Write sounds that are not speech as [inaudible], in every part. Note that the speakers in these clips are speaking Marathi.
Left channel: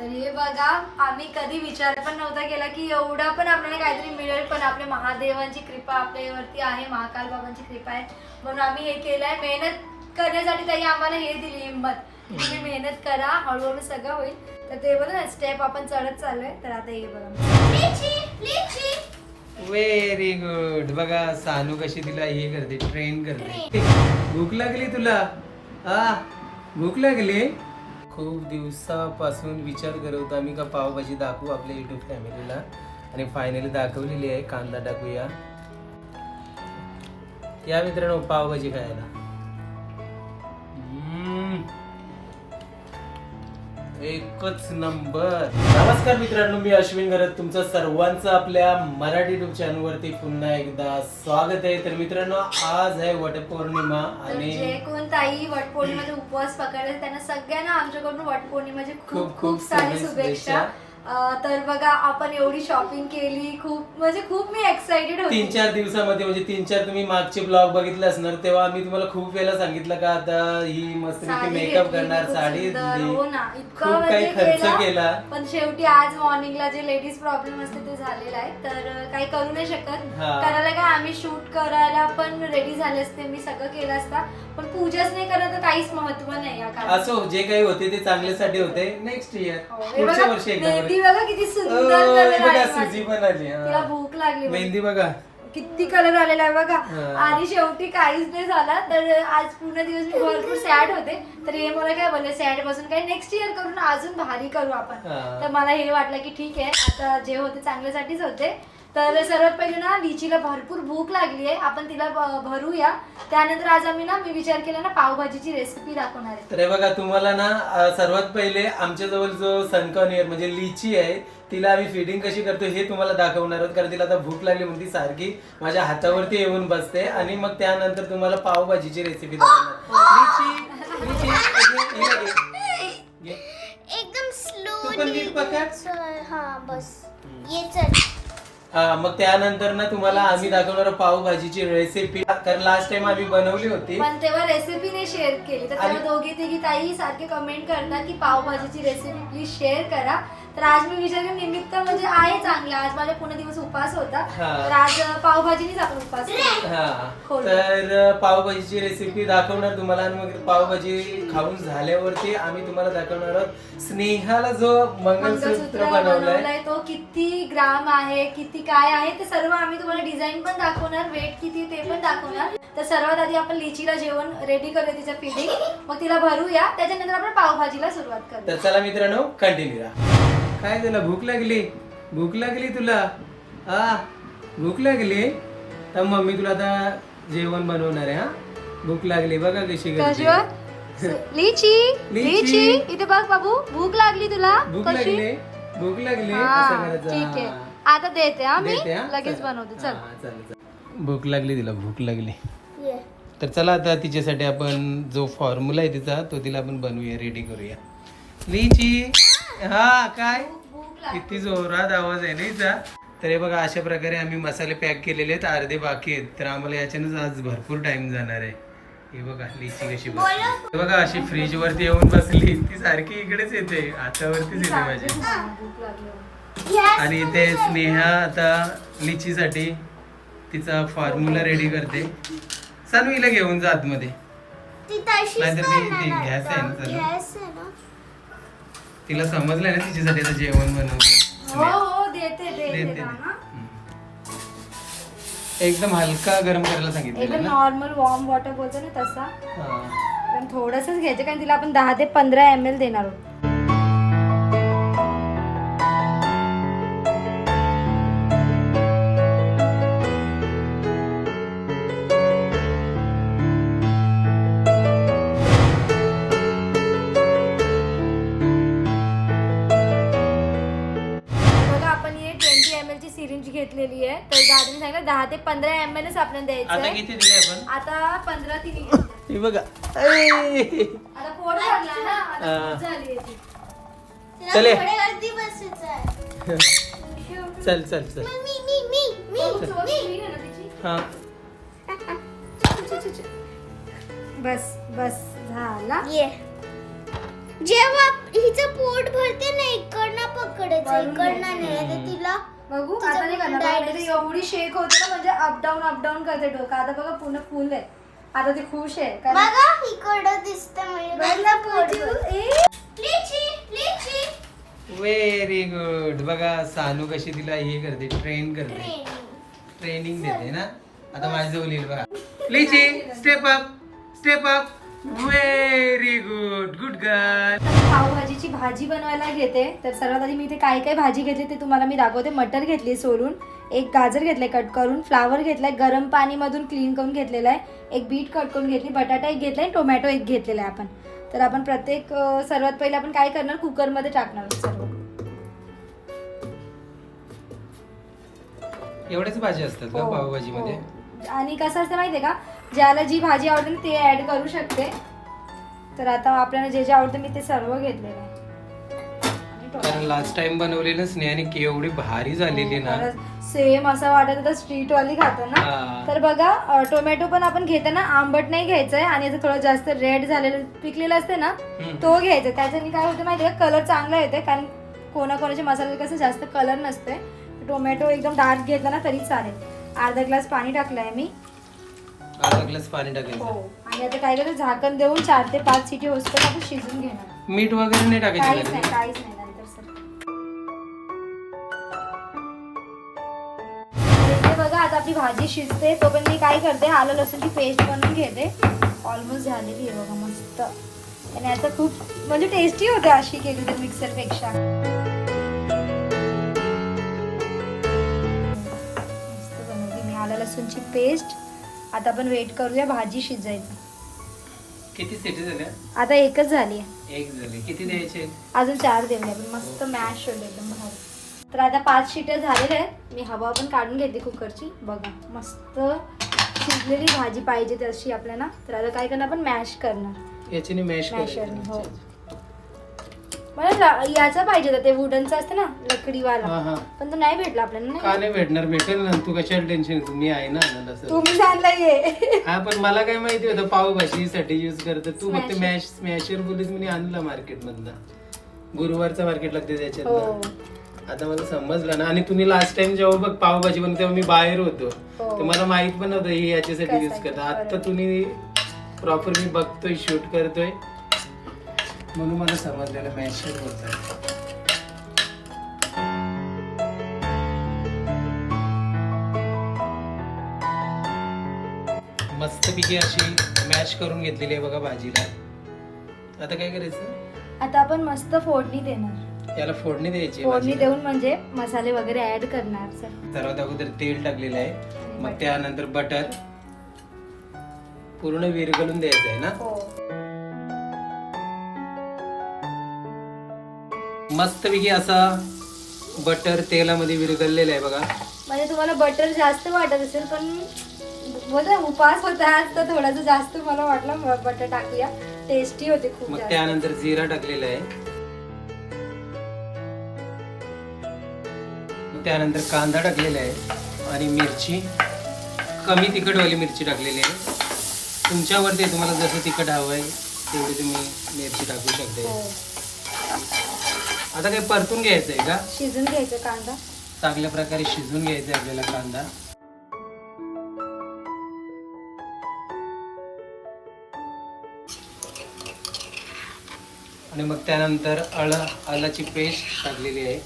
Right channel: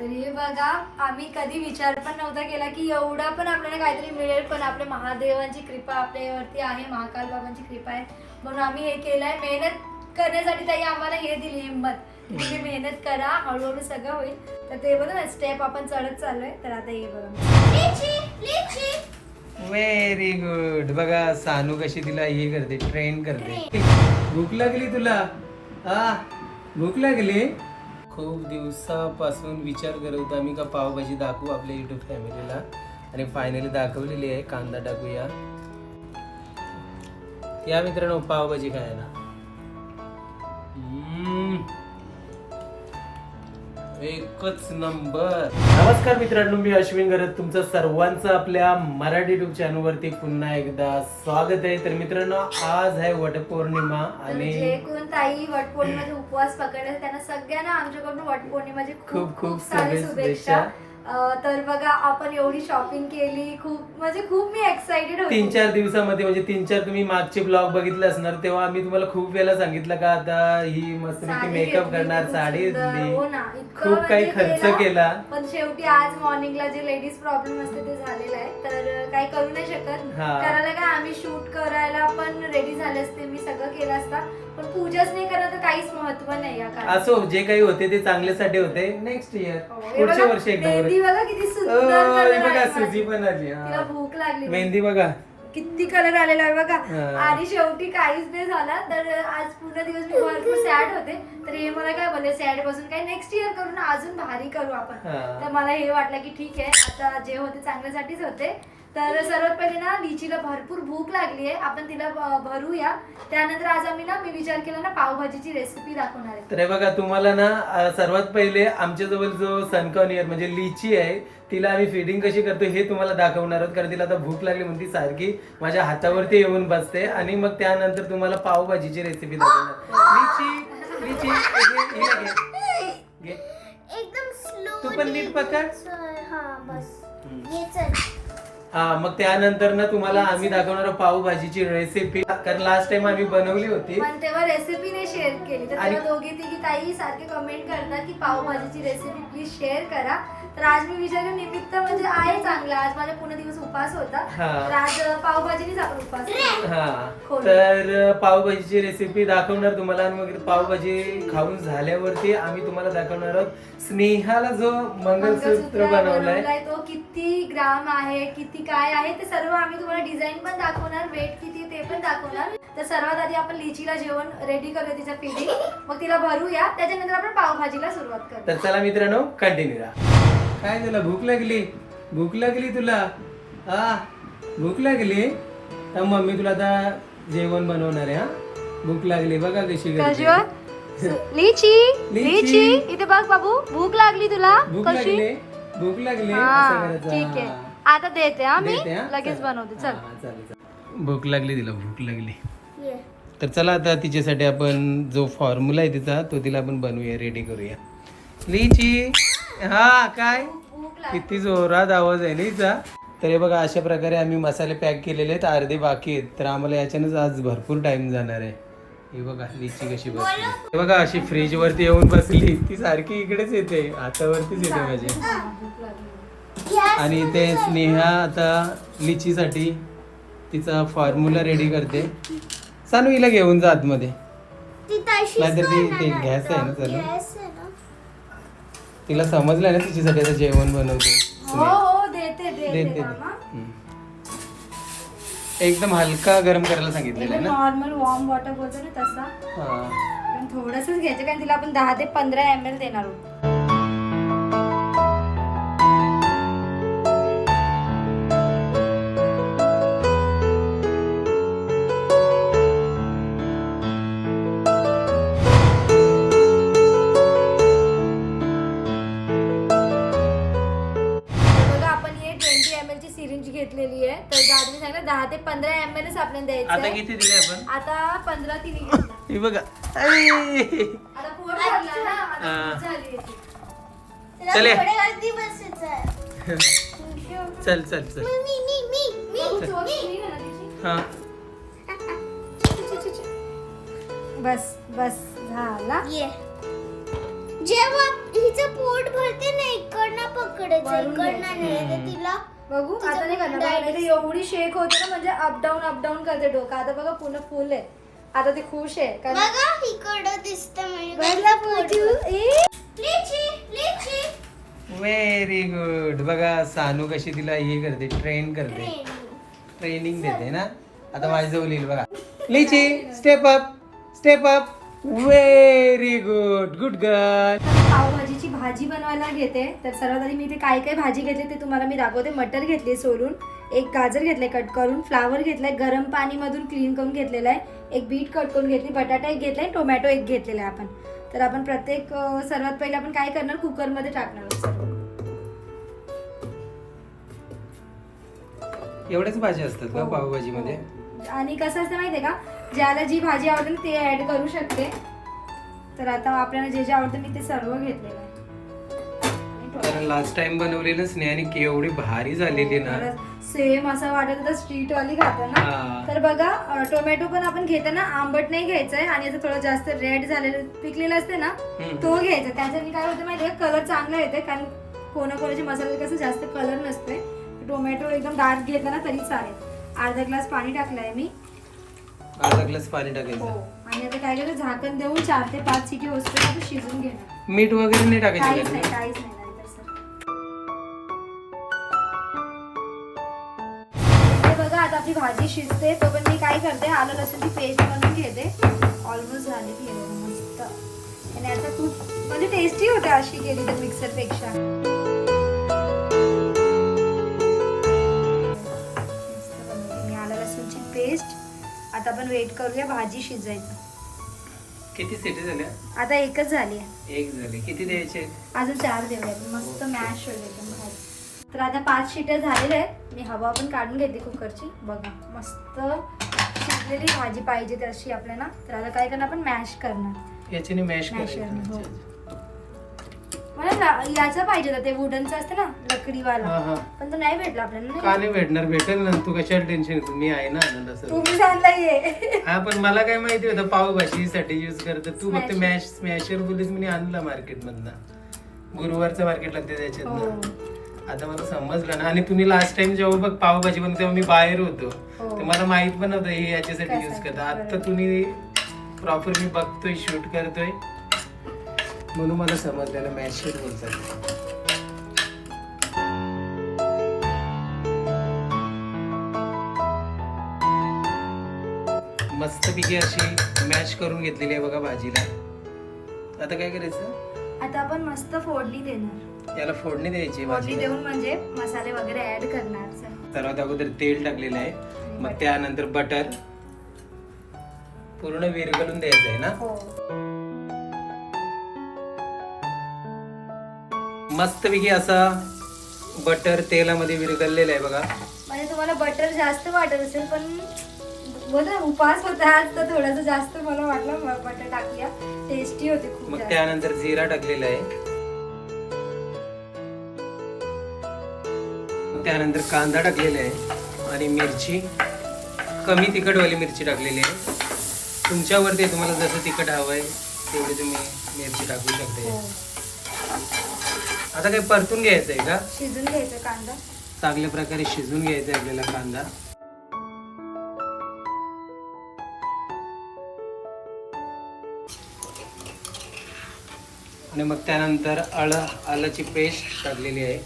तर हे बघा आम्ही कधी विचार पण नव्हता केला की एवढा पण आपल्याला काहीतरी मिळेल पण आपल्या महादेवांची कृपा आपल्यावरती आहे महाकाल बाबांची कृपा आहे. म्हणून आम्ही हे केलंय. मेहनत करण्यासाठी ताई आम्हाला हे दिली हिंमत. की तुम्ही मेहनत करा हळूहळू सगळं होईल. तर ते बघा ना स्टेप आपण चढत चाललोय. तर आता हे बघा. व्हेरी गुड बघा सानू कशी तिला हे करते ट्रेन करते. भूक लागली तुला? हा? भूक लागली? खूप दिवसापासून विचार करत होतो आम्ही का पावभाजी दाखवू आपल्या युट्यूब फॅमिलीला आणि फायनली दाखवलेली आहे कांदा टाकूया. या मित्रांनो पावभाजी खायला. एकच नंबर. नमस्कार मित्रांनो मी अश्विन गरज तुमचं सर्वांचं आपल्या मराठी युट्यूब चॅनल वरती पुन्हा एकदा स्वागत आहे. तर मित्रांनो आज आहे वटपौर्णिमा तर आणि जे कोण ताई वटपौर्णिमेचे उपवास पकडले त्यांना सगळ्यांना आमच्याकडून वटपौर्णिमाची खूप खूप- खूप खूप सारी शुभेच्छा. तर बघा आपण एवढी शॉपिंग केली खूप म्हणजे खूप मी एक्साइटेड तीन होते. चार दिवसामध्ये म्हणजे तीन चार तुम्ही मागचे ब्लॉग बघितले असणार तेव्हा आम्ही तुम्हाला खूप वेळा सांगितलं का आता ही मस्त मेकअप करणार साडी हो खूप काही म्हणजे खर्च केला. पण शेवटी आज मॉर्निंगला जे लेडीज प्रॉब्लेम असते ते झालेलं आहे. तर काही करू नाही शकत. करायला काय आम्ही शूट करायला पण रेडी झाले असते. मी सगळं केलं असता. पण पूजाच नाही करत तर काहीच महत्त्व नाही या काळात. असो जे काही होते ते चांगल्यासाठी होते नेक्स्ट इयर हो, हे पुढच्या बघा, वर्षी एकदा मेहंदी बघा किती सुंदर हे बघा सुजी. पण आली हा. तिला भूक लागली मेहंदी बघा किती कलर आलेला आहे बघा हा. आणि शेवटी काहीच नाही झाला तर आज पूर्ण दिवस मी भरपूर सॅड होते तर हे मला काय बोलले सॅड बसून काही नेक्स्ट इयर करून अजून भारी करू आपण हा. तर मला हे वाटलं की ठीक आहे आता जे होते चांगल्यासाठीच होते तर सर्वात पहिले ना लिचीला भरपूर भूक लागली आहे. आपण तिला भ- भरूया. त्यानंतर आज आम्ही ना मी विचार केला ना पावभाजीची रेसिपी दाखवणार आहे. तर हे बघा तुम्हाला ना अं, सर्वात पहिले आमच्या जवळ जो सनकॉनियर म्हणजे लिची आहे तिला आम्ही फिडिंग कशी करतो हे तुम्हाला दाखवणार आहोत. कारण तिला आता भूक लागली म्हणती सारखी. माझ्या हातावरती येऊन बसते. आणि मग त्यानंतर तुम्हाला पावभाजीची रेसिपी दाखवणार. लिची लिची घे, हिला घे. घे. एकदम स्लो तू पण नीट पकड. हा बस. ये चल. हा मग त्यानंतर ना तुम्हाला आम्ही दाखवणार आहोत पावभाजीची रेसिपी कारण लास्ट टाइम आम्ही बनवली होती. पण तेव्हा रेसिपी नाही शेअर केली. तर आणि- तेव्हा दोघी तिघी ताई सारखे कमेंट करतात की पावभाजीची रेसिपी प्लीज शेअर करा. तर आज मी विचार निमित्त म्हणजे आहे चांगला. आज माझा पूर्ण दिवस उपास होता. तर आज पावभाजीनीच आपण उपास. हा. खोल. तर पावभाजीची रेसिपी दाखवणार तुम्हाला आणि मग पावभाजी खाऊन झाल्यावरती आम्ही तुम्हाला दाखवणार आहोत. स्नेहाला जो मंगलसूत्र मंगळसूत्र बनवलाय. तो किती ग्राम आहे किती काय आहे ते सर्व आम्ही तुम्हाला डिझाईन पण दाखवणार वेट किती ते पण दाखवणार. तर सर्वात आधी आपण लिचीला जेवण रेडी करूया तिचं फिडिंग मग तिला भरूया त्याच्यानंतर आपण पावभाजीला सुरुवात करू तर चला मित्रांनो कंटिन्यू राहा काय तुला भूक लागली. भूक लागली तुला? हा भूक लागली? तर मम्मी तुला आता जेवण बनवणार आहे हा? भूक लागली बघा कशी करते. लिची लिची. इथे बघ बाबू भूक लागली तुला. भूक लागली? भूक लागली? असं करायचं. ठीक आहे. हा. आता देते हा मी. देते, हा? लगेच चला. बनवते चल. हा, चालेल, चालेल. भूक लागली तिला भूक लागली. ये. तर चला आता तिच्यासाठी आपण जो फॉर्म्युला आहे तिचा तो तिला आपण बनवूया रेडी करूया. लिची! हा काय? किती जोरात आवाज आहे ना हिचा तर हे बघा अशा प्रकारे आम्ही मसाले पॅक केलेले आहेत अर्धे बाकी आहेत. तर आम्हाला याच्यानंच आज भरपूर टाइम जाणार आहे. हे बघा लिची कशी बसली. हे बघा अशी फ्रीज वरती येऊन बसली. ती सारखी इकडेच येते हातावरतीच येते Yes. आणि इथे स्नेहा आता लिचीसाठी तिचा फॉर्म्युला रेडी करते. सानू हिला घेऊन जा आतमध्ये. नाहीतर ती- गॅस आहे ना. चालू. तिला समजलं ना तिच्यासाठी आता जेवण बनवते. हो हो देते मामा. एकदम हलका गरम करायला सांगितलेलं एकदम ना? नॉर्मल वॉर्म वॉटर बोलतो ना तसा. हा. पण थोडंसंच घ्यायचं कारण तिला आपण दहा ते पंधरा एम एल देणार आहोत. घेतलेली आहे तर दादाने सांगितलं दहा ते पंधरा एम एल आपल्याला द्यायचं आता आहे किती दिले आपण आता पंधरा तिने [laughs] घेतला हे बघा ऐ. आता पोट भरला ना आता हा. भूक झाली आहे. तिला चले. चल चल चोच नाही ना तिची? हा बस बस झाला ये जेव्हा हिचं पोट भरते ना इकडनं पकडायचं वरून इकडनं घ्यायचं. नाही तर. तिला बघू तुझं आता नाही करणार. डायट बघा, नाहीतर एवढी शेक होते ना म्हणजे अपडाऊन अपडाऊन करते डोकं. आता बघा पुन्हा फुल आहे. आता ते खुश आहे कारण- बघा इकडं दिसतं म्हणजे लिची लिची. व्हेरी गुड बघा सानू कशी तिला हे करते ट्रेन करते. ट्रेनिंग ट्रेनिंग देते ना. आता माझ्याजवळ येईल बघा. लिची step up step up very good good girl पावभाजीची भाजी बनवायला घेते. तर सर्वात आधी मी इथे काय काय भाजी घेतली ते तुम्हाला मी दाखवते. मटर घेतली सोलून एक गाजर घेतलंय कट करून फ्लावर घेतलाय गरम पाणीमधून क्लीन करून घेतलेला आहे. एक बीट कट करून घेतली बटाटा एक घेतलाय टोमॅटो एक घेतलेला आहे आपण. तर आपण प्रत्येक सर्वात पहिले आपण काय करणार? कुकरमध्ये टाकणार आहोत सर्व. एवढ्याच भाजी असतात का हो, पावभाजीमध्ये? हो. आणि कसं असतं माहितीये का? ज्याला जी भाजी आवडते ना ते ऍड करू शकते. तर आता आपल्याला जे जे आवडतं मी ते सर्व घेतलेलं आहे. कारण लास्ट टाइम बनवलेलं स्नेहाने केवढी भारी झालेली ना. सेम असं वाटत होतं स्ट्रीट वाली खातो ना. हा. तर बघा टोमॅटो पण आपण घेताना आंबट नाही घ्यायचंय आणि थोडं जास्त रेड झालेलं पिकलेलं असते ना. तो घ्यायचा त्याच्याने काय होतं माहितीये का? कलर चांगला येते कारण कोणाकोणाचे मसाले कसं जास्त कलर नसते टोमॅटो एकदम डार्क घेतला ना तरी चालेल. अर्धा ग्लास पाणी टाकलंय मी. अर्धा ग्लास पाणी हो. टाकायचं आणि आता काय करायचं झाकण देऊन चार ते पाच सिटी होतं आपण शिजून घेणार. मीठ वगैरे नाही टाकायचं काहीच का नाही त्याच्यात? काहीच नाही नंतर सर. इथे बघा आता आपली भाजी शिजते. तो पण मी काय करते आलं लसूणची पेस्ट बनवून घेते. ऑलमोस्ट झालेली आहे बघा मस्त. आणि आता खूप म्हणजे टेस्टी होते अशी केली तर मिक्सरपेक्षा मस्त बनवली मी आलं लसूणची पेस्ट. आता आपण वेट करूया भाजी शिजायची. किती सिटी झाल्या? आता एकच झाली आहे. एक झाली. किती द्यायचे? अजून चार आपण मस्त मॅश होईल एकदम भारी. तर आता पाच शिट्या झालेल्या आहेत. मी हवा पण काढून घेते कुकरची. बघा मस्त शिजलेली भाजी पाहिजे तशी आपल्याला. तर आता काय करणार आपण? मॅश करणार. याच्याने मॅश मॅशरने हो. करायचं मला याचा पाहिजे होता ते वुडनचा असतं ना लकडीवाला. हा हा. पण तो नाही भेटला आपल्याला का नाही भेटणार? भेटेल ना. तू कशाला टेन्शन घेतो? मी आहे ना आनंद तुम्ही ये हा पण मला काय माहिती होतं पावभाजीसाठी युज करत तू फक्त Smasher. मॅश स्मॅशर बोललीस मी आणला मार्केट मधनं गुरुवारचं मार्केट लागते हो. त्याच्यात आता मला समजलं ना. आणि तुम्ही लास्ट टाइम जेव्हा बघ पावभाजी बनवली तेव्हा मी बाहेर होतो. हो. तर मला माहीत पण नव्हतं हे याच्यासाठी युज कशासाठी, करता आता. तुम्ही प्रॉपर मी बघतोय शूट करतोय. म्हणून मला समजलेलं मॅशर बोलतात मस्तपैकी अशी मॅश करून घेतलेली आहे बघा भाजीला आता काय करायचं? आता आपण मस्त फोडणी देणार. याला फोडणी द्यायची आहे फोडणी भाजीला देऊन म्हणजे मसाले वगैरे ऍड करणार. सर. सर्वात अगोदर तेल टाकलेलं आहे. मग त्यानंतर बटर पूर्ण विरघळून द्यायचं आहे ना? हो. मस्तपैकी असा बटर तेलामध्ये विरघळलेला आहे बघा. म्हणजे तुम्हाला बटर जास्त वाटत असेल पण उपास होता आज तर थोडंसं जास्त मला वाटलं बटर टाकूया. टेस्टी होते खूप मग जास्त. त्यानंतर जिरा टाकलेला आहे. मग त्यानंतर कांदा टाकलेला आहे आणि मिरची. कमी तिखटवाली मिरची टाकलेली आहे. तुमच्यावरती आहे, तुम्हाला जसं तिखट हवं आहे तेवढी तुम्ही मिरची टाकू शकते. हो. आता काय परतून घ्यायचं आहे का? शिजून घ्यायचं कांदा. चांगल्या प्रकारे शिजून घ्यायचा आहे आपल्याला कांदा. आणि मग त्यानंतर आळ आलाची पेस्ट टाकलेली आहे.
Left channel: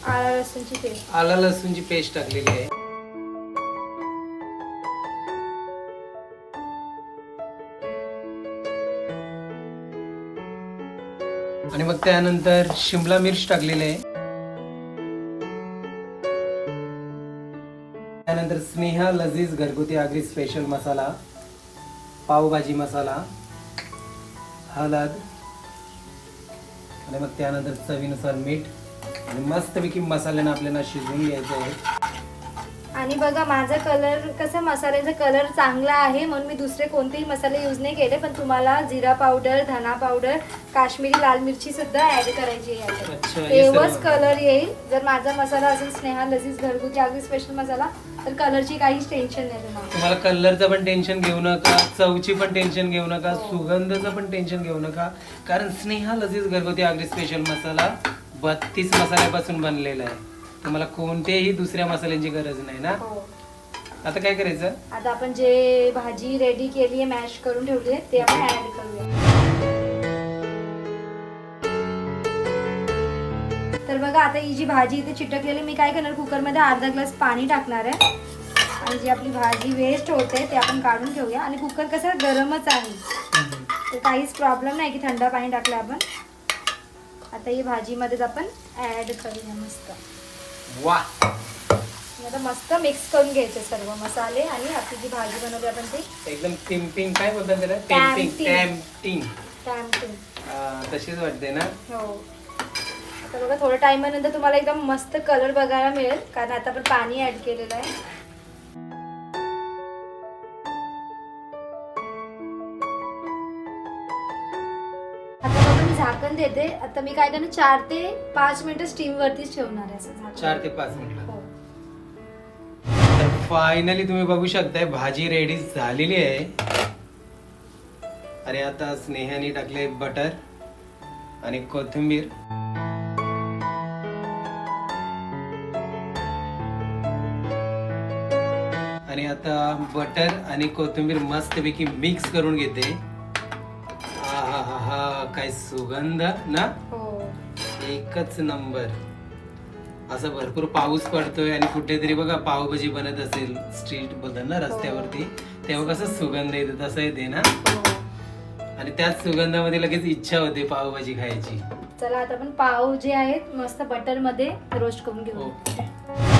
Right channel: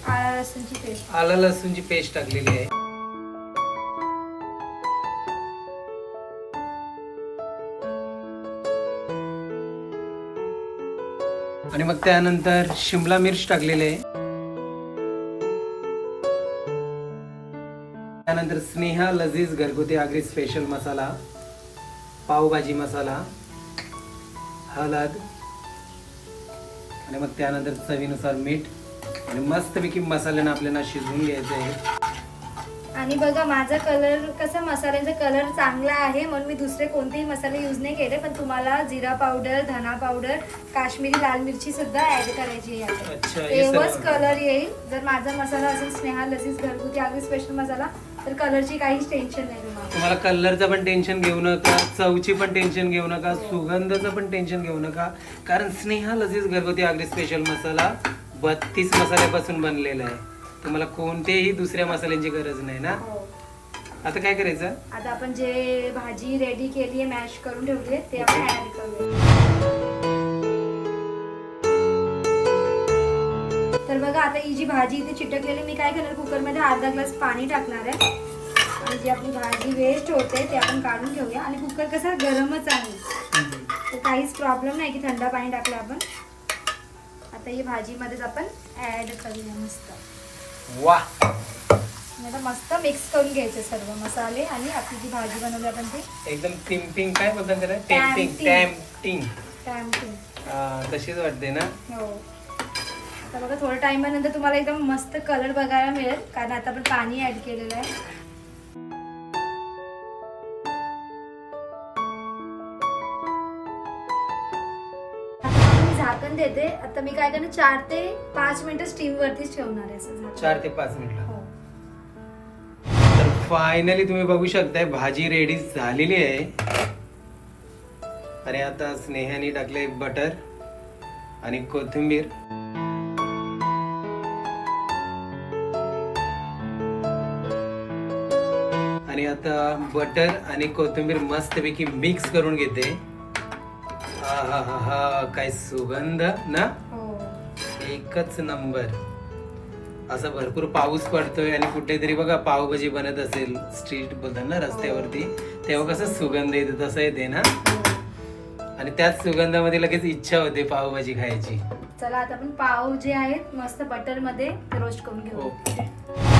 आला आला लसूणची पेस्ट टाकलेली आहे. मग त्यानंतर शिमला मिर्च टाकलेली आहे. त्यानंतर स्नेहा लजीज घरगुती आगरी स्पेशल मसाला पावभाजी मसाला हळद आणि मग त्यानंतर चवीनुसार मीठ आणि मस्तपैकी मसाल्यानं आपल्याला शिजवून घ्यायचं आहे. आणि बघा माझा कलर कसा मसाल्याचा कलर चांगला आहे म्हणून मी दुसरे कोणतेही मसाले यूज नाही केले पण तुम्हाला जिरा पावडर धना पावडर काश्मीरी लाल मिरची सुद्धा ऍड करायची आहे. सर्व. कलर येईल. जर माझा मसाला असेल स्नेहा लसीस घरगुती अगदी स्पेशल मसाला तर कलरची काहीच टेन्शन नाही तुम्हाला. तुम्हाला कलरचं पण टेन्शन घेऊ नका चवची पण टेन्शन घेऊ नका सुगंधाचं पण टेन्शन घेऊ नका. कारण स्नेहा लजीज घरगुती आगरी स्पेशल मसाला बत्तीस मसाल्यापासून बनलेला आहे. तुम्हाला कोणत्याही दुसऱ्या मसाल्यांची गरज नाही ना? हो. आता काय करायचं? आता आपण जे भाजी रेडी केली आहे मॅश करून ठेवली आहे ते आपण ऍड करूया. तर बघा आता ही जी भाजी इथे चिटकलेली मी काय करणार? कुकरमध्ये अर्धा ग्लास पाणी टाकणार आहे. आणि जी आपली भाजी वेस्ट होते ते आपण काढून ठेवूया. आणि कुकर कसं गरमच आहे. तर काहीच प्रॉब्लेम नाही की थंड पाणी टाकलं आपण. आता ही भाजीमध्येच आपण ऍड करूया मस्त. वा. आता मस्त मिक्स करून घ्यायचे सर्व मसाले आणि आपली जी भाजी बनवली आपण ते. एकदम टिम्पिंग काय बोलतात त्याला? टेम्पिंग. टॅम्पिंग टॅम्पिंग तशीच वाटते ना? हो. आता बघा थोड्या टाइमानंतर तुम्हाला एकदम मस्त कलर बघायला मिळेल कारण आता आपण पाणी ऍड केलेलं आहे. झाकण देते. आता मी काय करणार चार ते पाच मिनिटं स्टीम वरतीच ठेवणार आहे असं झाकण. चार ते पाच मिनिटं. हो. तर फायनली तुम्ही बघू शकताय भाजी रेडी झालेली आहे. आणि आता स्नेहाने टाकले बटर आणि कोथिंबीर. आणि आता बटर आणि कोथिंबीर मस्तपैकी मिक्स करून घेते. हा हा हा काय सुगंध ना? हो. एकच नंबर. असं भरपूर पाऊस पडतोय आणि कुठेतरी बघा पावभाजी बनत असेल स्ट्रीट बोलतात ना रस्त्यावरती तेव्हा कसं सुगंध येतो तसं येते ना. आणि त्याच सुगंधामध्ये लगेच इच्छा होते पावभाजी खायची. चला आता आपण पाव जे आहेत मस्त बटरमध्ये रोस्ट करून घेऊ. ओके.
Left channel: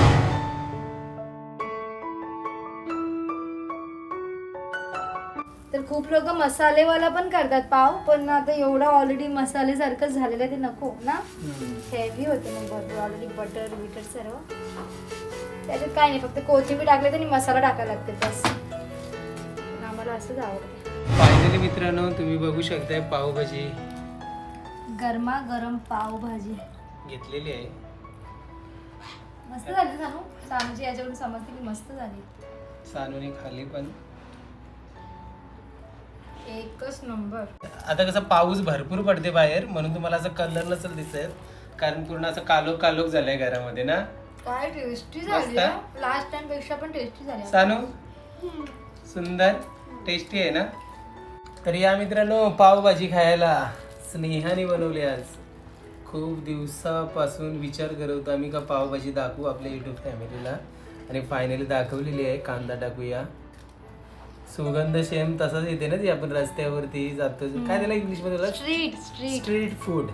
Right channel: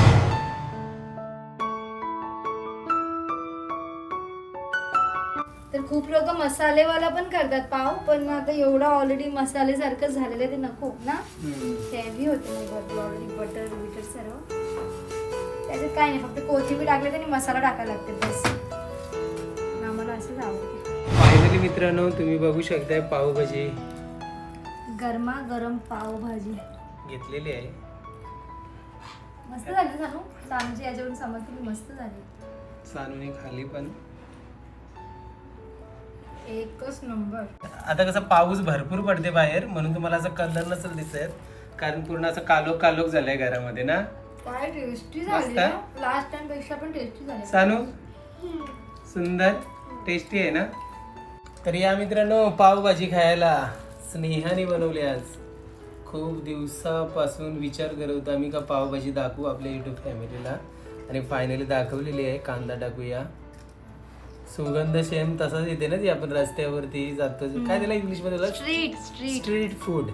तर खूप लोक मसालेवाला पण करतात पाव पण आता एवढा ऑलरेडी मसाले सारखं झालेलं आहे ते नको ना. हेवी होते मग भरपूर ऑलरेडी बटर बिटर सर्व. त्याच्यात काय नाही फक्त कोथिंबीर टाकले आणि मसाला टाकायला लागते बस. आम्हाला असंच आवडते. फायनली मित्रांनो तुम्ही बघू शकताय पावभाजी. गरमा गरम पाव भाजी घेतलेली आहे. मस्त झाली सांगू सामजी याच्यावरून समजते की मस्त झाली. सानूने खाली पण. एकच नंबर. आता कसं पाऊस भरपूर पडते बाहेर म्हणून तुम्हाला असं कलर नसेल दिसत कारण पूर्ण असं कालोख कालोख झालंय घरामध्ये ना? काय टेस्टी मस्त. झाली लास्ट टाइमपेक्षा पण टेस्टी झाली. सानू? सुंदर? टेस्टी आहे ना? तर या मित्रांनो पावभाजी खायला स्नेहाने बनवली आज. खूप दिवसापासून विचार करत होतो आम्ही का पावभाजी दाखवू आपल्या युट्यूब फॅमिलीला आणि फायनली दाखवलेली आहे कांदा टाकूया. सुगंध सेम तसाच येते ना ती आपण रस्त्यावरती जातो. काय त्याला इंग्लिशमध्ये? स्ट्रीट स्ट्रीट स्ट्रीट फूड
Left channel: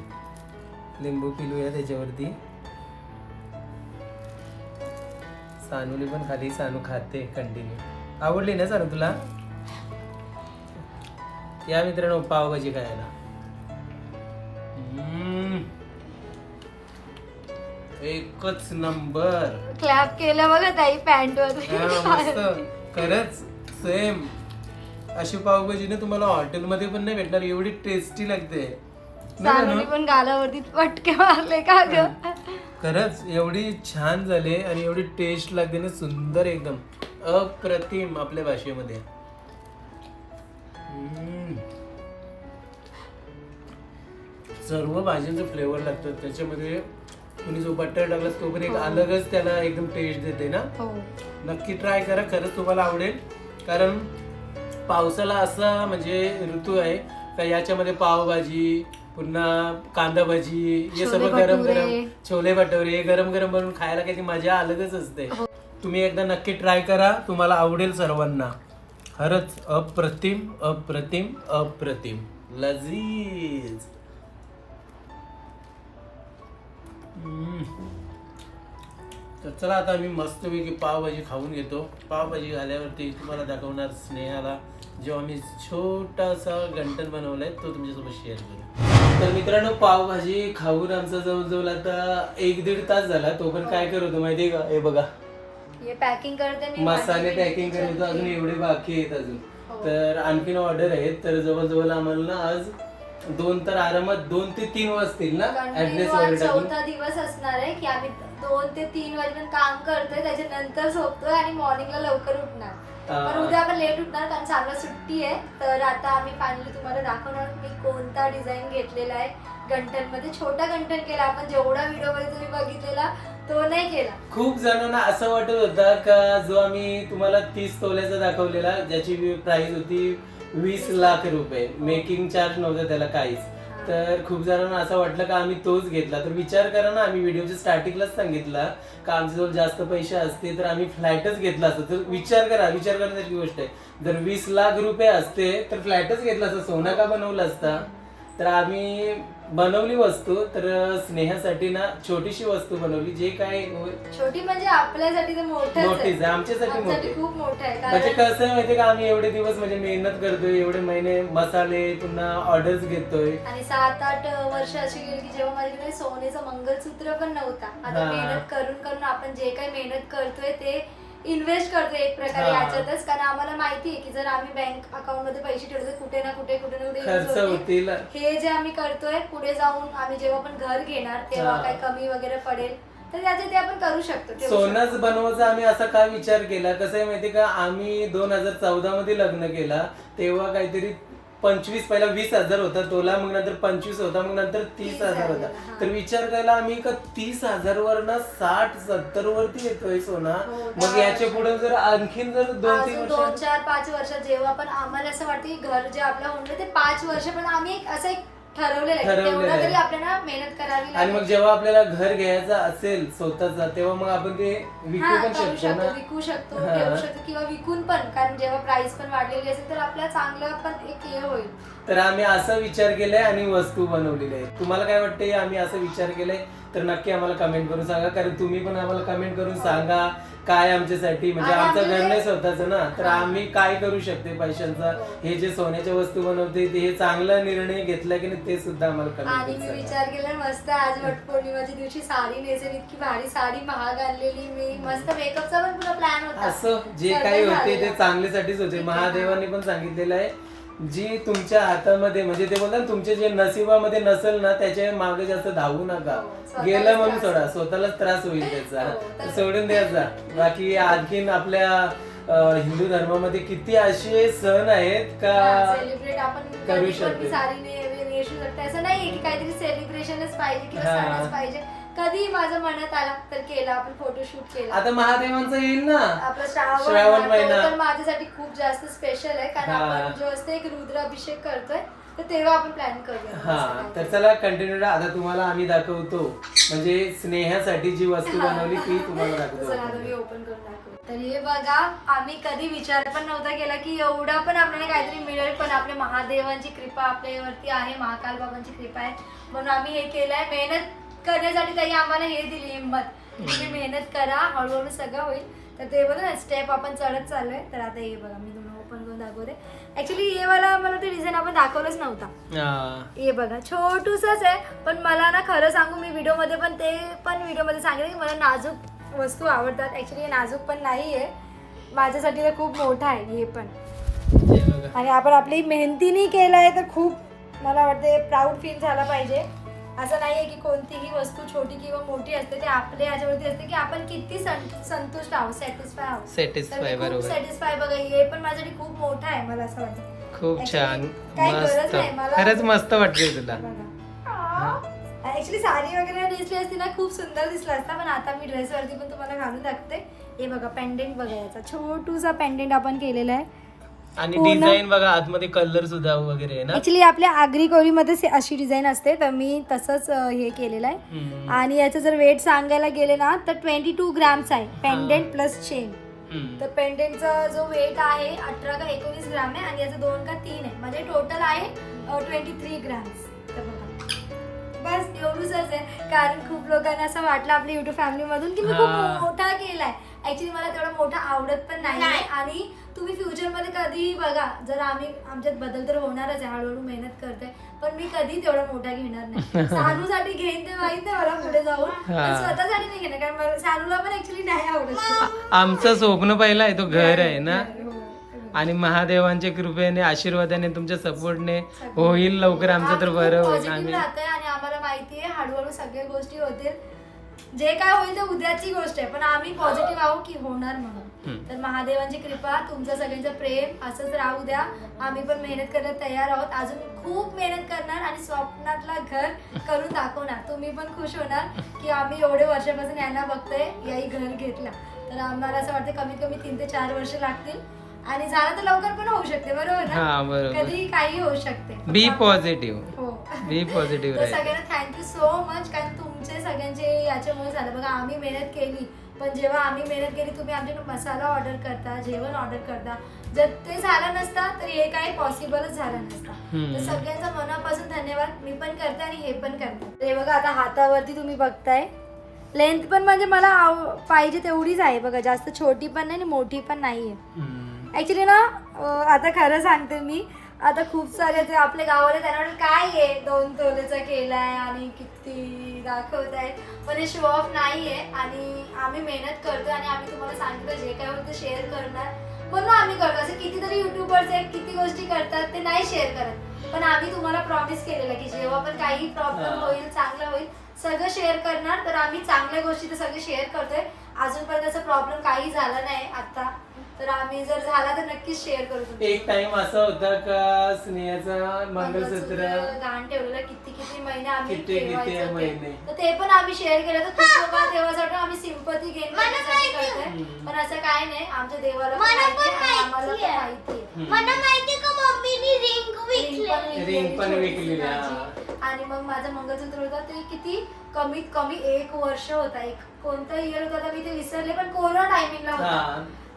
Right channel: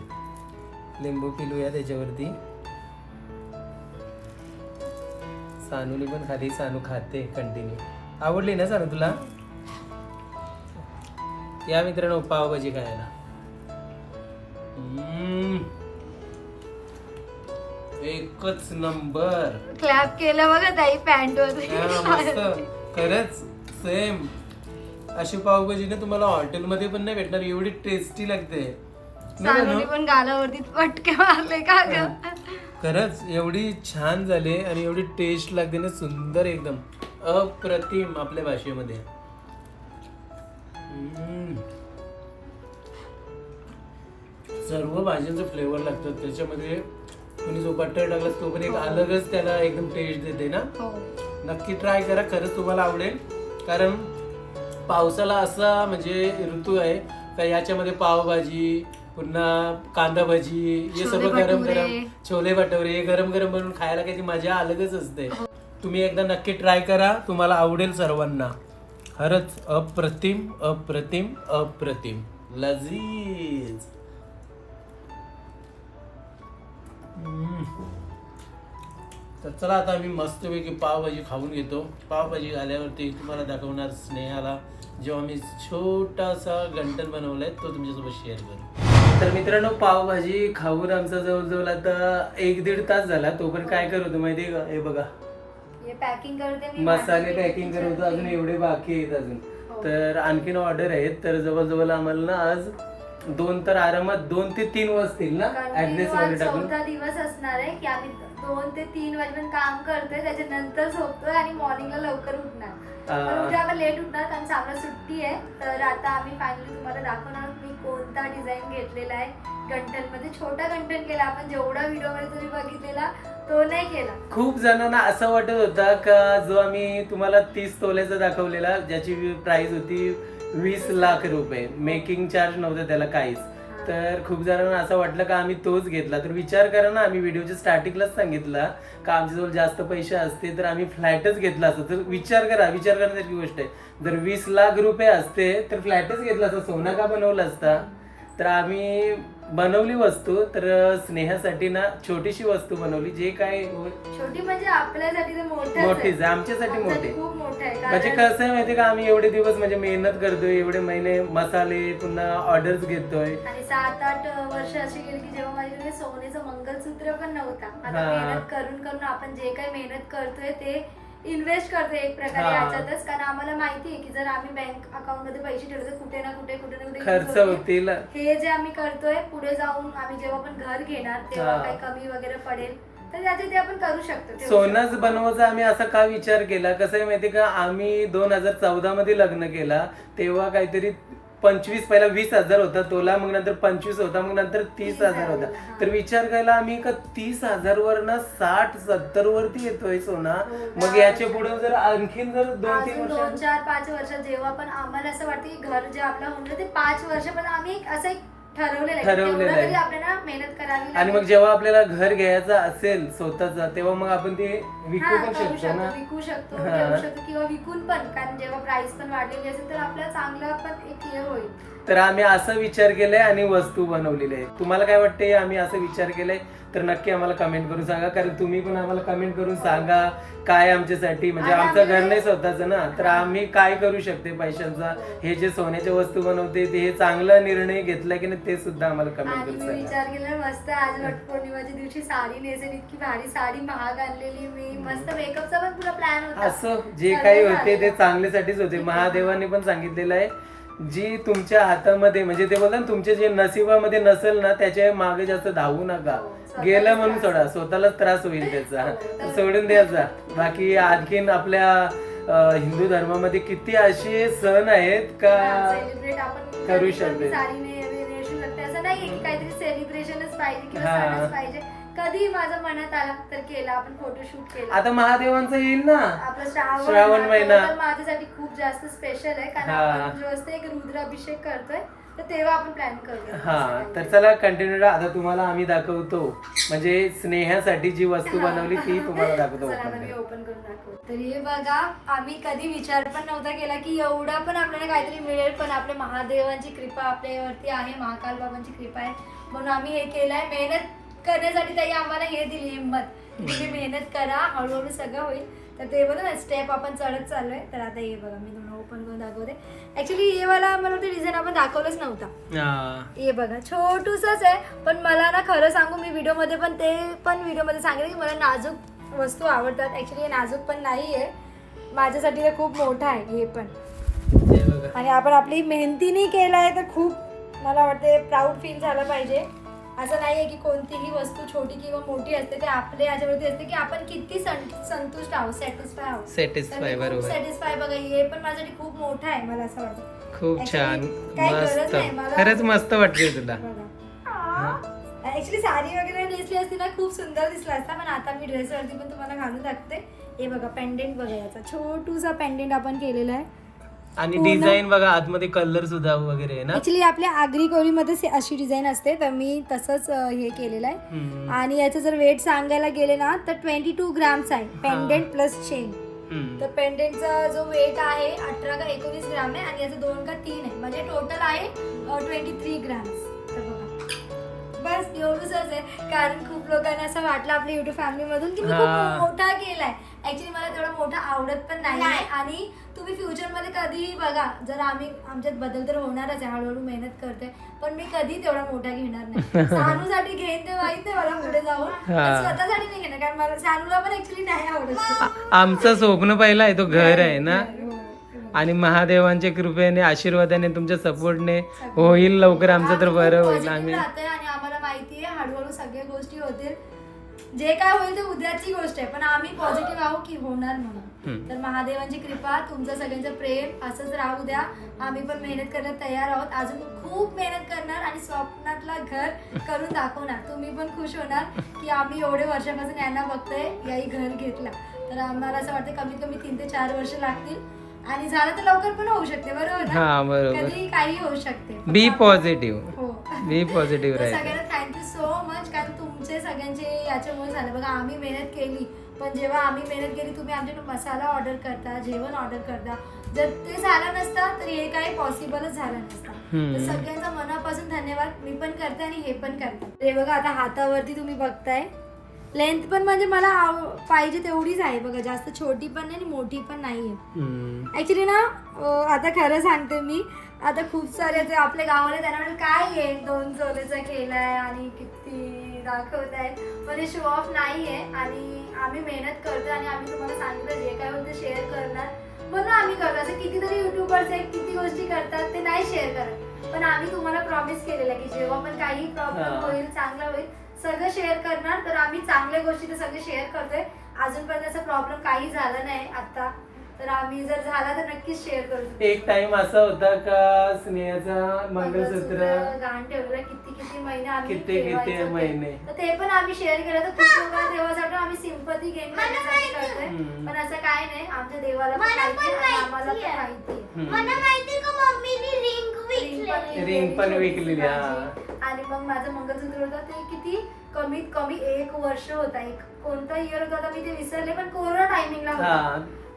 लिंबू पिलूया त्याच्यावरती. सानूने पण खाली सानू खाते कंटिन्यू आवडली ना सानू तुला? या मित्रांनो पावभाजी खायला. हम्म. एकच नंबर. क्लॅप केलं बघा ताई पॅन्ट वर खरंच. सेम. अशी पावभाजी ना तुम्हाला हॉटेलमध्ये पण नाही भेटणार एवढी टेस्टी लागते. ना सानूने सानू? पण गालावरती पटके मारले का ग? खरंच एवढी छान झाले आणि एवढी टेस्ट लागते ना सुंदर एकदम. अप्रतिम आपल्या भाषेमध्ये. हम्म. सर्व भाज्यांचं फ्लेवर लागतात त्याच्यामध्ये तुम्ही जो बटर टाकला तो पण एक अलगच त्याला एकदम टेस्ट देते ना? हो. नक्की ट्राय करा खरंच तुम्हाला आवडेल. कारण पावसाला असा म्हणजे ऋतू आहे का याच्यामध्ये पावभाजी पुन्हा कांदा भाजी हे छोले गरम. गरम छोले भटुरे हे गरम गरम बनवून खायला काही मजा अलगच असते. तुम्ही एकदा नक्की ट्राय करा तुम्हाला आवडेल सर्वांना. खरंच अप्रतिम अप्रतिम अप्रतिम. लजीज. तर चला आता आम्ही मस्तपैकी पावभाजी खाऊन घेतो. पावभाजी झाल्यावरती तुम्हाला दाखवणार स्नेहाला. जो आम्ही छोटासा गंटन बनवलाय तो तुमच्यासोबत शेअर करू तर मित्रांनो पावभाजी खाऊन आमचा जवळजवळ आता एक दीड तास झाला. तो पण काय करत होतो माहितीये का? हे बघा. पॅकिंग करते मी मसाले पॅकिंग करायचं अजून. एवढे बाकी आहेत अजून. हो. तर आणखीन ऑर्डर आहेत. तर जवळजवळ आम्हाला ना आज दोन तर आरामात दोन ते तीन वाजतील ना? ऍड्रेस आज वगैरे टाकून. दिवस असणार आहे की आम्ही दोन ते तीन वाजेपर्यंत काम करतोय त्याच्यानंतर झोपतोय आणि मॉर्निंगला लवकर उठणार. पण उद्या आपण लेट उठणार कारण चांगलं सुट्टी आहे. तर आता आम्ही फायनली तुम्हाला दाखवणार मी कोणता डिझाईन घेतलेला आहे गंठनमध्ये छोटा गंठन केला आपण जेवढा व्हिडिओमध्ये तुम्ही बघितलेला तो नाही केला. खूप जणांना असं वाटत होतं का जो आम्ही तुम्हाला तीस तोल्याचा दाखवलेला ज्याची प्राइस होती वीस लाख रुपये. मेकिंग चार्ज नव्हतं त्याला काहीच. तर खूप जणांना असं वाटलं का आम्ही तोच घेतला. तर विचार करा ना आम्ही व्हिडिओच्या स्टार्टिंगलाच सांगितला का आमच्याजवळ जास्त पैसे असते तर आम्ही फ्लॅटच घेतला असतो. तर विचार करा विचार करण्याची गोष्ट आहे. जर वीस लाख रुपये असते तर फ्लॅटच घेतला असता सोना का बनवला असता? तर आम्ही बनवली वस्तू तर स्नेहासाठी ना छोटीशी वस्तू बनवली जे काय छोटी म्हणजे आपल्यासाठी ते मोठं मोठीच आहे, आमच्यासाठी मोठी. खूप मोठं आहे म्हणजे कारण कसं आहे माहितीये का आम्ही एवढे दिवस म्हणजे मेहनत करतोय एवढे महिने मसाले पुन्हा ऑर्डर्स घेतोय आणि सात आठ वर्ष अशी गेली की जेव्हा माझ्याकडे सोन्याचं मंगलसूत्र पण नव्हता आता हा. मेहनत करून करून आपण जे काही मेहनत करतोय ते इन्व्हेस्ट करतोय एक प्रकारे हा. याच्यातच कारण आम्हाला माहिती आहे की जर आम्ही बँक अकाउंटमध्ये पैसे ठेवले तर कुठे ना कुठे कुठे ना कुठे use खर्च होतील. होतील हे जे आम्ही करतोय पुढे जाऊन आम्ही जेव्हा पण घर घेणार तेव्हा हा. काही कमी वगैरे पडेल तर त्याचे ते आपण करू शकतो ठेवू सोनंच बनवायचा आम्ही असा का विचार केला कसं आहे माहितीये का आम्ही दोन हजार चौदा मध्ये लग्न केला तेव्हा काहीतरी पंचवीस पहिला वीस हजार होता तोला मग नंतर पंचवीस होता मग नंतर तीस हजार होता. तर विचार केला आम्ही का तीस हजार वर ना साठ सत्तर वरती येतोय सोना हो, मग याच्या वर्ष. पुढे जर आणखीन जर दोन तीन दोन वर्ष चार पाच वर्षात जेव्हा पण आम्हाला असं वाटतं की घर जे आपलं होणार ते पाच वर्ष पण आम्ही असं एक ठरवलेलं आहे की ठरवलेलं तेवढं आहे. तरी आपल्याला मेहनत करावी आणि मग लागेल. जेव्हा आपल्याला घर घ्यायचं असेल स्वतःचा तेव्हा मग आपण ते विकू हा, पण करू शकतो ना विकू शकतो हा. शकतो किंवा विकून पण कारण जेव्हा प्राइस पण वाढलेली असेल तर आपला चांगलं पण एक हे होईल तर आम्ही असा विचार केलाय आणि वस्तू बनवलेली आहे तुम्हाला काय वाटते आम्ही असा विचार केलाय तर नक्की आम्हाला कमेंट करून सांगा. कारण तुम्ही पण आम्हाला कमेंट करून सांगा काय आमच्यासाठी. म्हणजे आमचं घर नाही स्वतःचं ना. तर आम्ही काय करू शकते पैशांचा? हे जे सोन्याच्या वस्तू बनवते ते हे चांगला निर्णय घेतला की नाही ते सुद्धा आम्हाला कमेंट करून सांगा. विचार केला मस्त आज वटपौर्णिमाच्या दिवशी साडी नेसेल इतकी भारी साडी महाग आणलेली मी. मस्त मेकअपचा पण पुरा प्लॅन होता. असं जे काही होते ते. चांगल्यासाठीच होते. महादेवाने पण सांगितलेलं आहे. जी तुमच्या हातामध्ये म्हणजे ते बोलतात ना, तुमच्या जे नशिबामध्ये नसेल ना त्याच्यामागे जास्त धावू नका हो, गेलं म्हणून सोडा स्वतःलाच त्रास होईल त्याचा हो, सोडून द्यायचा बाकी आणखीन आपल्या अं, हिंदू धर्मामध्ये किती असे सण आहेत का सेलिब्रेट आपण करू शकते. साडी ने- नेसू शकते असं नाहीये की काहीतरी सेलिब्रेशनच पाहिजे किंवा हा. सणच पाहिजे कधी माझं मनात आला तर केला आपण फोटोशूट केला. आता महादेवांचं येईल ना? आपला श्रावण श्रावण महिना. तर माझ्यासाठी खूप जास्त स्पेशल आहे कारण हा. आपण जो असते एक रुद्राभिषेक करतोय तर तेव्हा आपण प्लॅन हा तर चला कंटिन्यू आता तुम्हाला आम्ही दाखवतो. म्हणजे स्नेहासाठी जी वस्तू बनवली ती तुम्हाला [laughs] दाखवतो चला आता मी ओपन करून दाखवते. तर हे बघा आम्ही कधी विचार पण नव्हता केला की एवढा पण आपल्याला काहीतरी मिळेल पण आपल्या महादेवांची कृपा आपल्यावरती आहे महाकाल बाबांची कृपा आहे. म्हणून आम्ही हे केलंय. मेहनत करण्यासाठी ताई आम्हाला हे दिली हिंमत. तुम्ही मेहनत करा हळूहळू सगळं होईल. तर ते बघा ना स्टेप आपण चढत चाललोय. तर आता हे बघा मी तुम्हाला ओपन करून दाखवते. ऍक्च्युली हे वाला मला ते डिझाईन आपण दाखवलंच नव्हता. हा. बघा छोटूसच आहे. पण मला ना खरं सांगू मी व्हिडिओमध्ये पण ते पण व्हिडिओमध्ये सांगितलं की मला नाजूक वस्तू आवडतात. ॲक्च्युली हे नाजूक पण नाही आहे माझ्यासाठी तर खूप मोठा आहे हे पण. आणि आपण आपली मेहनतीने केलं आहे तर खूप मला वाटते प्राऊड फील झाला पाहिजे. असं नाही आहे की कोणतीही वस्तू छोटी किंवा मोठी असते ते आपल्या याच्यावरती असते की आपण किती संतुष्ट आहोत सॅटिस्फाय आहोत. सॅटिस्फाय बरोबर. सॅटिस्फाय बघा हे पण माझ्यासाठी खूप मोठा आहे मला असं वाटतं. खूप छान काही गरज मस्त. नाही, मला- खरंच मस्त वाटते तुला. बघा. ऍक्च्युली साडी वगैरे नेसली असती ना खूप सुंदर दिसला असता पण आता मी ड्रेसवरती पण तुम्हाला घालून दाखवते. हे बघा पेंडेंट बघा याचा. छोटूसा पेंडेंट आपण केलेला आहे. आणि पूर्ण- डिझाईन बघा आतमध्ये कलर सुद्धा वगैरे आहे ना? ऍक्च्युली आपल्या आगरी कोरीमध्ये से- अशी डिझाईन असते तर मी तसंच अं, हे केलेलं आहे. हम्म. आणि याचं जर वेट सांगायला गेले ना तर ट्वेंटी टू ग्राम्स आहे पेंडेंट प्लस चेन हम्म. तर पेंडेंटचा जो वेट आहे अठरा का एकोणीस ग्राम आहे आणि याचं दोन का तीन आहे. म्हणजे टोटल आहे ट्वेंटी थ्री ग्राम्स तर बघा. बस एवढंच आहे. कारण खूप लोकांना असं वाटलं आपल्या युट्यूब फॅमिलीमधून की मी खूप हा. मोठा केलाय. ऍक्च्युली मला तेवढा मोठा आवडत पण नाही नाही. आणि तुम्ही फ्युचरमध्ये कधीही बघा जर आम्ही आमच्यात बदल तर होणारच आहे हळूहळू मेहनत करते पण मी कधी तेवढा मोठा घेणार नाही. [laughs] सानूसाठी घेईन ते माहीत नाही मला पुढे जाऊन पण हा. स्वतःसाठी नाही घेणार कारण मला सानूला पण ऍक्च्युली नाही आवडत. आमचं स्वप्न पहिलं आहे तो घर आहे ना? हो, हो. आणि महादेवांच्या कृपेने आशीर्वादाने तुमच्या सपोर्टने होईल लवकर आमचं तर बरं होईल आम्ही आणि आम्हाला माहिती आहे हळूहळू सगळ्या गोष्टी होतील. जे काय होईल ते उद्याची गोष्ट आहे. पण आम्ही पॉझिटिव्ह आहोत की होणार म्हणून. तर महादेवांची कृपा तुमचं सगळ्यांचं प्रेम असंच राहू द्या. आम्ही पण मेहनत करायला तयार आहोत. अजून खूप मेहनत करणार आणि स्वप्नातला घर करून दाखवणार. तुम्ही पण खुश होणार की आम्ही एवढे वर्षापासून यांना बघतोय याही घर घेतला. तर आम्हाला असं वाटतं कमीत कमी तीन ते चार वर्ष लागतील. आणि झालं तर लवकर पण होऊ शकते बरोबर हा. कधी काही होऊ शकते. बी पॉझिटिव्ह हो. बी पॉझिटिव्ह तर सगळ्यांना थँक्यू सो मच कारण तुमचे सगळ्यांचे याच्यामुळे झालं. बघा आम्ही मेहनत केली. पण जेव्हा आम्ही मेहनत केली तुम्ही आमच्याकडे मसाला ऑर्डर करता जेवण ऑर्डर करता. जर ते झालं नसता तर हे काही पॉसिबलच झालं नसतं. हम्म. तर सगळ्यांचा मनापासून धन्यवाद. मी पण करते आणि हे पण करते. ते बघा आता हातावरती तुम्ही बघताय. लेंथ पण म्हणजे मला आव- पाहिजे तेवढीच आहे. बघा जास्त छोटी पण नाही आणि मोठी पण नाही आहे हम्म. ऍक्च्युली ना आता खरं सांगते मी. आता खूप सारे जे आपल्या गावाला त्यांना काय आहे दोन तोलेचा केलाय आणि किती दाखवत आहे. पण हे शो ऑफ नाही आहे आणि आम्ही मेहनत करतोय आणि आम्ही तुम्हाला सांगितलं जे काय होईल ते शेअर करणार. म्हणून आम्ही करतो असं कितीतरी युट्यूबर्स आहेत किती गोष्टी करतात ते नाही शेअर करत. पण आम्ही तुम्हाला प्रॉमिस केलेलं आहे की जेव्हा पण काही प्रॉब्लेम. होईल चांगलं होईल सगळं शेअर करणार. तर आम्ही चांगल्या गोष्टी तर सगळे शेअर करतोय. अजूनपर्यंत असा प्रॉब्लेम काही झाला नाही आता तर आम्ही जर झाला तर नक्कीच शेअर करू एक टाइम असा होता का स्नेहाचा मंगळसूत्र गहाण ठेवलेला किती किती महिने आम्ही किती- किती ठेवायचं ते. महिने. तर ते पण आम्ही शेअर केलं तर खूप लोकांना देवासाठी आम्ही सिंपती करतोय हम्म. पण असं काय नाही आमच्या देवाला पण मला माहिती पण आहे आणि आम्हाला माहिती पण आहे. माहिती आहे हम्म. मला माहिती का मम्मीने रिंग विकली Ring पण विकलेली, हा. आणि मग माझं मंगळसूत्र होतं ते किती कमीत कमी एक वर्ष होता एक कोणता इयर होता आता मी ते विसरले पण कोरोना टायमिंगला होता हा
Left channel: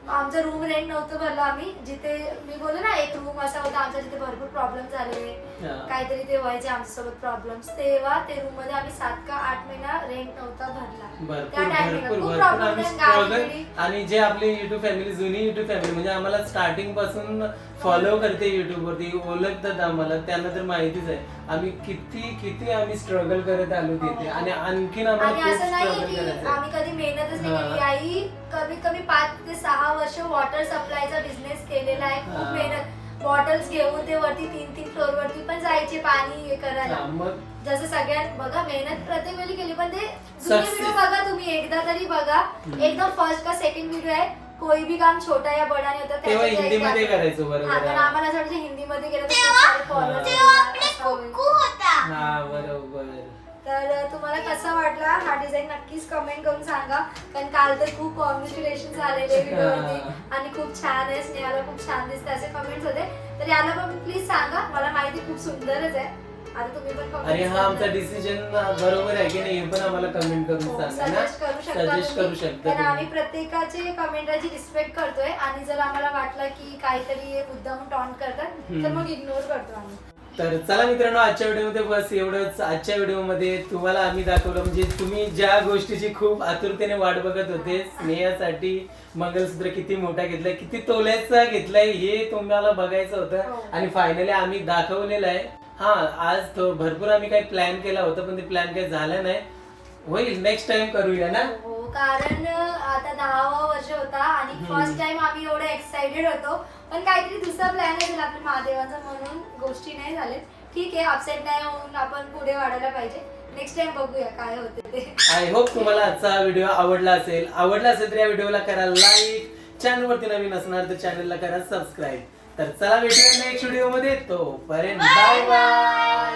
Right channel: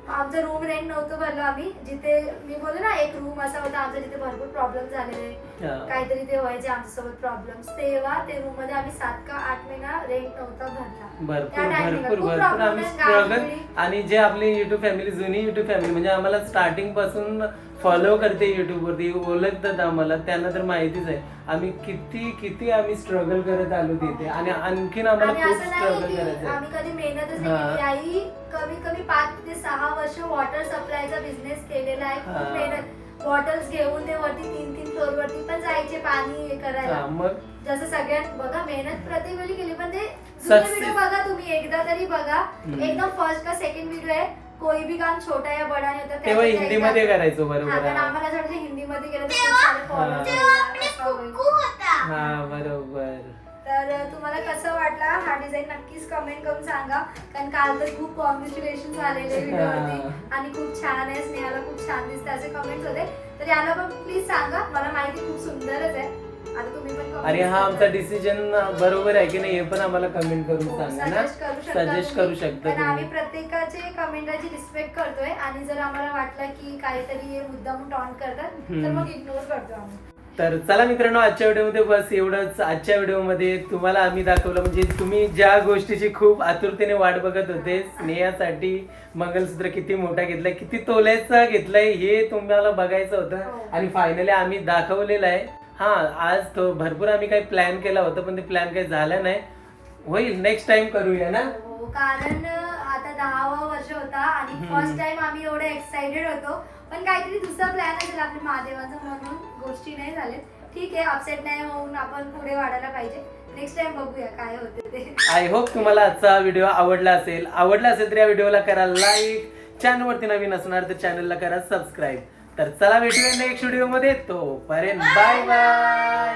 आमचं रूम रेंट नव्हतं भरलं आम्ही. जिथे मी बोलले ना एक रूम असा होता आमचा जिथे भरपूर प्रॉब्लेम झालेले. काहीतरी ते व्हायचे आमच्यासोबत प्रॉब्लेम तेव्हा ते रूममध्ये आम्ही सात का आठ महिना रेंट नव्हता भरला. त्या खूप आणि जे आपली युट्यूब फॅमिली जुनी युट्यूब फॅमिली म्हणजे आम्हाला स्टार्टिंगपासून फॉलो करते युट्यूब वरती ओळखतात आम्हाला त्यांना तर माहितीच आहे. आम्ही किती किती आम्ही स्ट्रगल करत आलो तिथे. आणि आणखीन आम्हाला आणि खूप असं नाही स्ट्रगल की करायचं आहे. आम्ही कधी मेहनतच हा. नाही केली. आई कमी कमी पाच ते सहा वर्ष वॉटर सप्लायचा बिझनेस केलेला आहे. हा. खूप मेहनत. बॉटल्स घेऊन ते वरती तीन तीन फ्लोर वरती पण जायचे पाणी हे करायला. हा, मग? जसं सगळ्यात बघा मेहनत प्रत्येक वेळी केली पण ते Success. व्हिडिओ बघा तुम्ही. एकदा तरी बघा. हम्म. एकदम फर्स्ट का सेकंड व्हिडिओ आहे. कोई भी काम छोटा या बडा नाही होता तेव्हा त्याच्यात हिंदीमध्ये एकदा- करायचो हा, बरोबर पण आहे. आम्हाला असं वाटतं हिंदीमध्ये केलं तर खूप सारे followers होता. हा बरोबर. तर तुम्हाला कसं वाटला हा डिझाईन नक्कीच कमेंट करून सांगा. कारण काल तर खूप कॉंग्रॅच्युलेशन झालेले व्हिडिओवरती आणि खूप छान आहे स्नेहाला खूप छान दिसते असे कमेंट्स होते. तर याला पण प्लीज सांगा. मला माहिती खूप सुंदरच आहे. आता तुम्ही पण comments आणि हा आमचा करा. डिसिजन बरोबर आहे की नाही हे पण आम्हाला कमेंट करून हो, सांगा ना suggest करू शकता सजेस्ट तुम्ही. करू शकता कारण आम्ही तुम्ही प्रत्येकाचे कमेंटची रिस्पेक्ट करतोय आणि जर आम्हाला वाटलं की काहीतरी मुद्दाम टॉन्ट करतात तर हम्म. मग इग्नोर करतो आम्ही तर चला मित्रांनो आजच्या व्हिडिओमध्ये बस एवढंच आजच्या व्हिडिओमध्ये तुम्हाला आम्ही दाखवलं म्हणजे तुम्ही ज्या गोष्टीची खूप आतुरतेने वाट बघत होते स्नेहासाठी मंगलसूत्र किती मोठा घेतलाय किती तोल्याचा घेतलाय हे तुम्हाला बघायचं होतं हो. आणि फायनली आम्ही दाखवलेलं आहे हा आज तो भरपूर आम्ही काही प्लॅन केला होता पण ते प्लॅन काही झालं नाही. होईल नेक्स्ट टाइम करूया ना? हो कारण आता दहावा वर्ष होता आणि हम्म. फर्स्ट टाइम आम्ही एवढे एक्साइटेड होतो. पण काहीतरी दुसरा प्लॅन असेल आपल्या महादेवाचा म्हणून गोष्टी नाही झाल्यात ठीक आहे अपसेट नाही होऊन आपण पुढे वाढायला पाहिजे. नेक्स्ट टाइम बघूया काय होते ते. आय होप तुम्हाला आजचा व्हिडिओ आवडला असेल. आवडला असेल तर या व्हिडिओला करा लाईक चॅनलवरती नवीन असणार तर चॅनलला करा सबस्क्राईब तर चला भेटूया नेक्स्ट व्हिडिओमध्ये तोपर्यंत बाय बाय.